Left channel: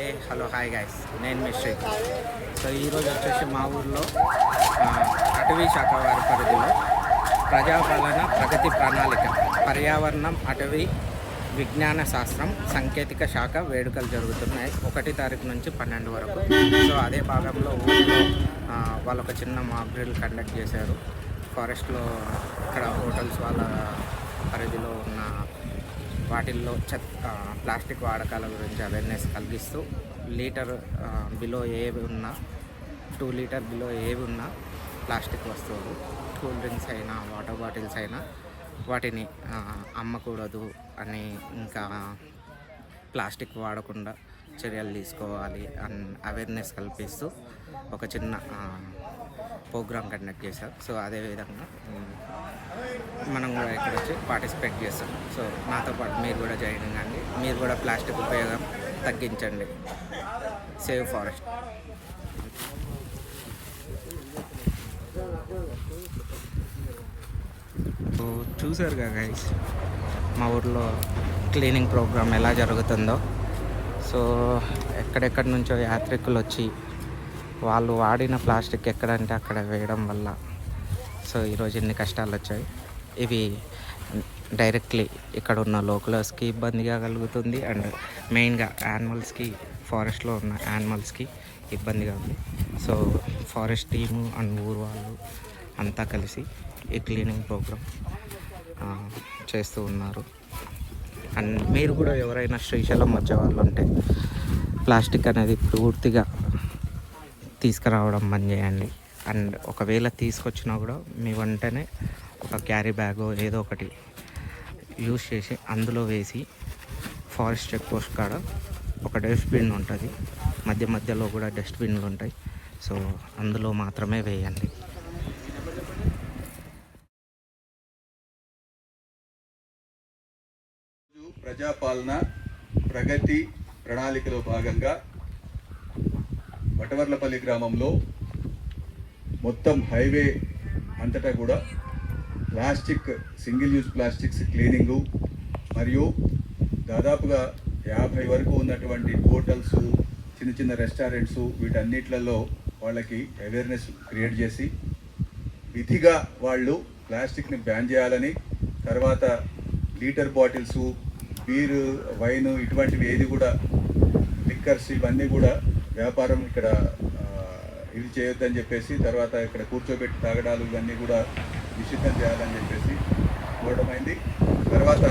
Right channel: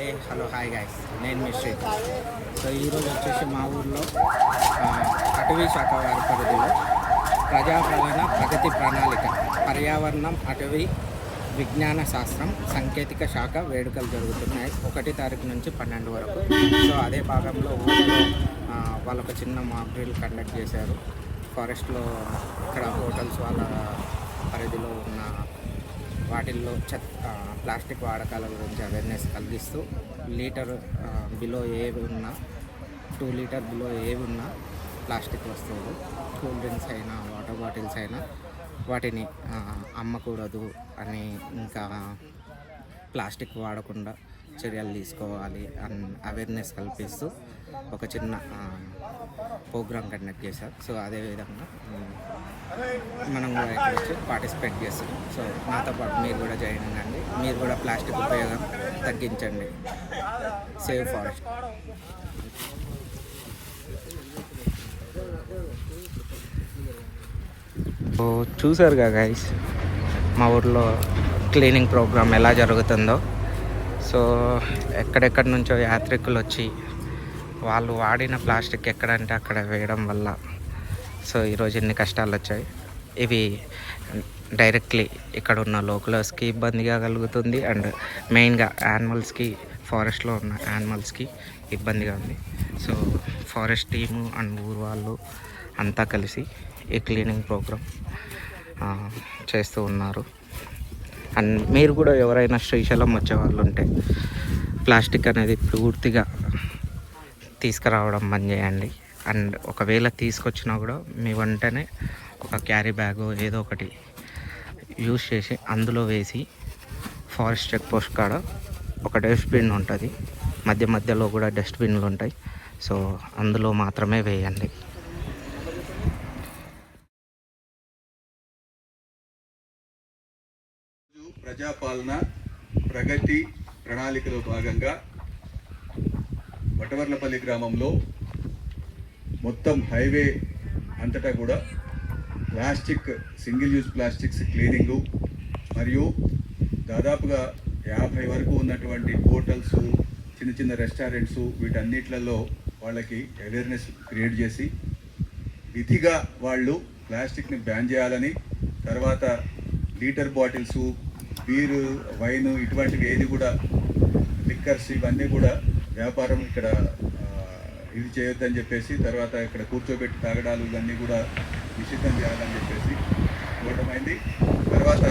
Hello hi guys, నేను mystery. So ఈరోజు వచ్చేసి మా ఊర్లో అటవీ శాఖ వారి పరిధిలో ప్రజాపాలన ప్రగతి ప్రణాళిక పర్యావరణం అటవీ విజ్ఞాన శాస్త్రం సాంకేతిక శాఖ వేడుకలు జరుగుతున్నాయి 1 తారీఖు నుంచి 12 వరకు. సో అదే భాగంలో ఊళ్ళో వాళ్ళు ఒక చిన్న మాక్ డ్రిల్ కండక్ట్ చేశారు. ఫారెస్ట్లో ఇక్కడ హోటల్స్ వాళ్ళ పరిధిలో ఉన్న వాటిల్లో ప్లాస్టిక్ వాడకాల గురించి అవేర్నెస్ కలిగిస్తూ లీటర్ బిలో ఏవి ఉన్నా 2 లీటర్ బిలో ఏవి ఉన్నా ప్లాస్టిక్ వస్తువులు, కూల్ డ్రింక్స్ అయినా వాటర్ బాటిల్స్ అయినా వాటిని అమ్మకూడదు అని, ఇంకా ప్లాస్టిక్ వాడకుండా చర్యలు తీసుకోవాలి అని అవేర్నెస్ కల్పిస్తూ ఒక చిన్న ప్రోగ్రామ్ కండక్ట్ చేశారు. సో అదేవిధంగా మనం కూడా ఇక్కడ వచ్చి పార్టిసిపేట్ చేస్తాం. సో నాతో పాటు మీరు కూడా జాయిన్ కండి, మీరు కూడా ప్లాస్టిక్ ఉపయోగం తగ్గించండి. Save forest. సో చూసారుగా గైస్, మా ఊర్లో క్లీనింగ్ ప్రోగ్రామ్ ఎలా జరుగుతుందో. సో ఎక్కడెక్కడి నుంచో యాత్రికులు వచ్చి వాళ్ళు వాడిన ప్లాస్టిక్ ఎక్కడంటే అక్కడ వేయడం వల్ల సో ఈరోజు ఎన్ని కష్టాలు వచ్చాయి. ఇవి డైరెక్ట్లీ ఇక్కడ ఉన్న లోకల్స్కి ఇబ్బందిగా కలుగుతుంది, అండ్ మెయిన్గా యానిమల్స్కి, ఫారెస్ట్లో ఉన్న యానిమల్స్కి ఇబ్బందిగా ఉంది. సో ఫారెస్ట్ టీము అండ్ ఊరు వాళ్ళు అంతా కలిసి ఈ క్లీనింగ్ ప్రోగ్రామ్ చేస్తూ ఉన్నారు. అండ్ మీరు కూడా ఎవరైనా శ్రీశైలం వచ్చే వాళ్ళు ఉంటే ప్లాస్టిక్ అనేది పూర్తిగా తీసుకురావడం బంద్ చేయండి. అండ్ ఒకవేళ తీసుకొచ్చినా కూడా మీ వెంటనే ఒక క్యారీ బ్యాగ్ ఏదో ఒకటి యూజ్ చేసి అందులో వేసి, ఫారెస్ట్ చెక్ పోస్ట్ కాడ ఒక డస్ట్బిన్ ఉంటుంది, మధ్యలో కూడా డస్ట్బిన్లు ఉంటాయి. సో అందులో మాత్రమే వేయండి. ప్రజాపాలన ప్రగతి ప్రణాళికలో భాగంగా వటవర్లపల్లి గ్రామంలో మొత్తం హైవే అంతటా కూడా సింగిల్ యూజ్ ప్లాస్టిక్స్ క్లీనింగు, మరియు దాదాపుగా 50 వరకు ఉన్నటువంటి హోటల్స్, చిన్న రెస్టారెంట్స్, వీటన్నిట్లలో వాళ్ళకి అవేర్నెస్ క్రియేట్ చేసి విధిగా వాళ్ళు ప్లాస్టిక్ని బ్యాన్ చేయాలని, తర్వాత లీటర్ బాటిల్స్, బీరు, వైన్ ఇటువంటివి ఏది కూడా, లిక్కర్స్ ఇవన్నీ కూడా వ్యాపారం ఇక్కడ ఇది చేయొద్దని చెప్పేసి, తర్వాత ఇక్కడ కూర్చోబెట్టి తాగడాలు ఇవన్నీ కూడా నిషిద్ధం చేయాలని చెప్పేసి ఇవ్వడమైంది. తర్వాత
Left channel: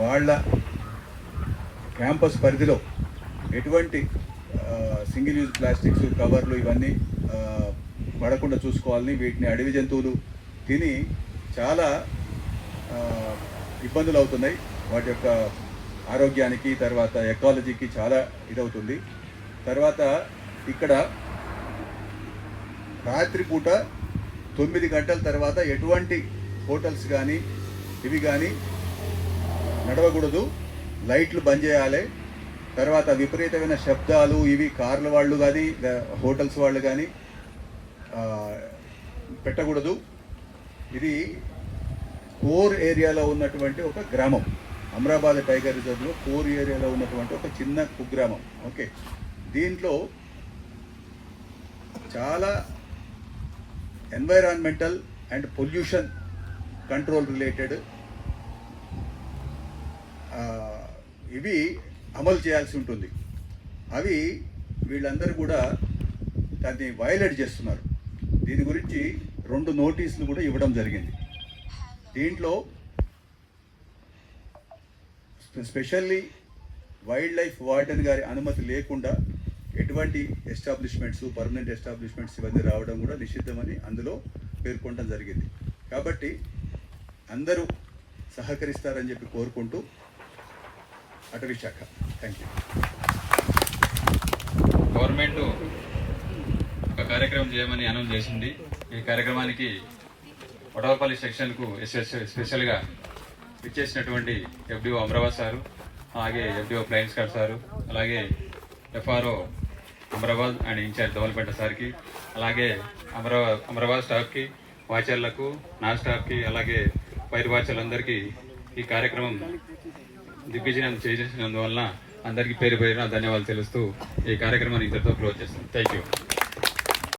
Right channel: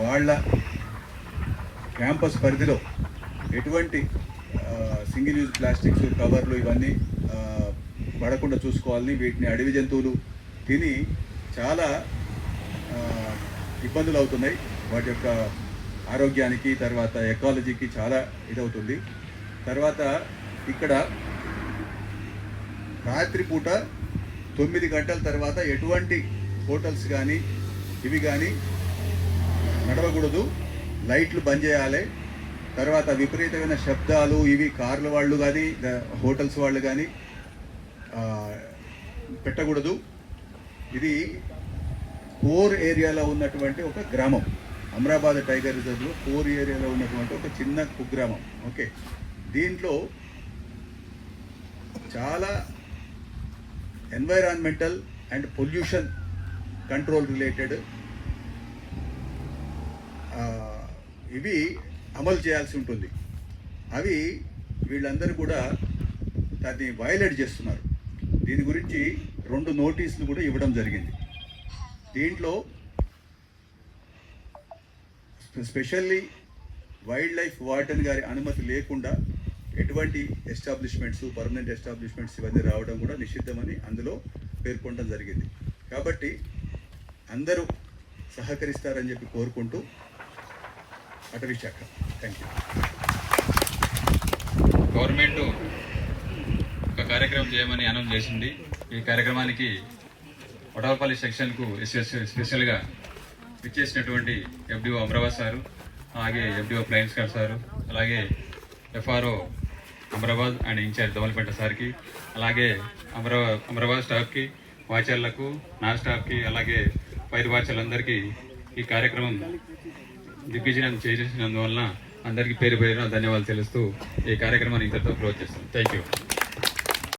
వాళ్ళ క్యాంపస్ పరిధిలో ఎటువంటి సింగిల్ యూజ్ ప్లాస్టిక్స్, కవర్లు ఇవన్నీ పడకుండా చూసుకోవాలని, వీటిని అడవి జంతువులు తిని చాలా ఇబ్బందులు అవుతున్నాయి, వాటి యొక్క ఆరోగ్యానికి, తర్వాత ఎకాలజీకి చాలా ఇదవుతుంది. తర్వాత ఇక్కడ రాత్రిపూట 9 గంటల తర్వాత ఎటువంటి హోటల్స్ కానీ ఇవి కానీ నడవకూడదు, లైట్లు బంద్ చేయాలి. తర్వాత విపరీతమైన శబ్దాలు ఇవి కార్ల వాళ్ళు కానీ హోటల్స్ వాళ్ళు కానీ పెట్టకూడదు. ఇది కోర్ ఏరియాలో ఉన్నటువంటి ఒక గ్రామం, అమరాబాద్ టైగర్ రిజర్వ్లో కోర్ ఏరియాలో ఉన్నటువంటి ఒక చిన్న కుగ్రామం. ఓకే, దీంట్లో చాలా environmental and pollution control related ఇవి అమలు చేయాల్సి ఉంటుంది. అవి వీళ్ళందరూ కూడా దాన్ని వయలేట్ చేస్తున్నారు. దీని గురించి 2 నోటీసులు కూడా ఇవ్వడం జరిగింది. దీంట్లో స్పెషల్లీ వైల్డ్ లైఫ్ వార్డెన్ గారి అనుమతి లేకుండా ఎటువంటి ఎస్టాబ్లిష్మెంట్స్, పర్మనెంట్ ఎస్టాబ్లిష్మెంట్స్ ఇవన్నీ రావడం కూడా నిషిద్ధమని అందులో పేర్కొనడం జరిగింది. కాబట్టి అందరూ సహకరిస్తారని చెప్పి కోరుకుంటూ అటవీ శాఖ. Thank you. గవర్నమెంట్ ఒక కార్యక్రమం చేయమని అనౌన్స్ చేసింది. ఈ కార్యక్రమానికి వటవర్లపల్లి సెక్షన్కు స్పెషల్గా ఇచ్చేసినటువంటి ఎఫ్డిఓ అమరాబాద్ సారు, అలాగే ఎఫ్డిఓ ప్లైన్స్ గారు సారు, అలాగే FRO Amrabad and incharge Domalapeta సార్కి, అలాగే అమరాబాద్ స్టాఫ్కి, వాచర్లకు, నా స్టాఫ్కి, అలాగే ఫైర్ వాచర్లందరికీ ఈ కార్యక్రమం దిగ్విజయం చేసినందువలన అందరికీ పేరు పేరున ధన్యవాదాలు తెలుస్తూ ఈ కార్యక్రమాన్ని ఇంతటితో క్లోజ్ చేస్తాం. Thank you.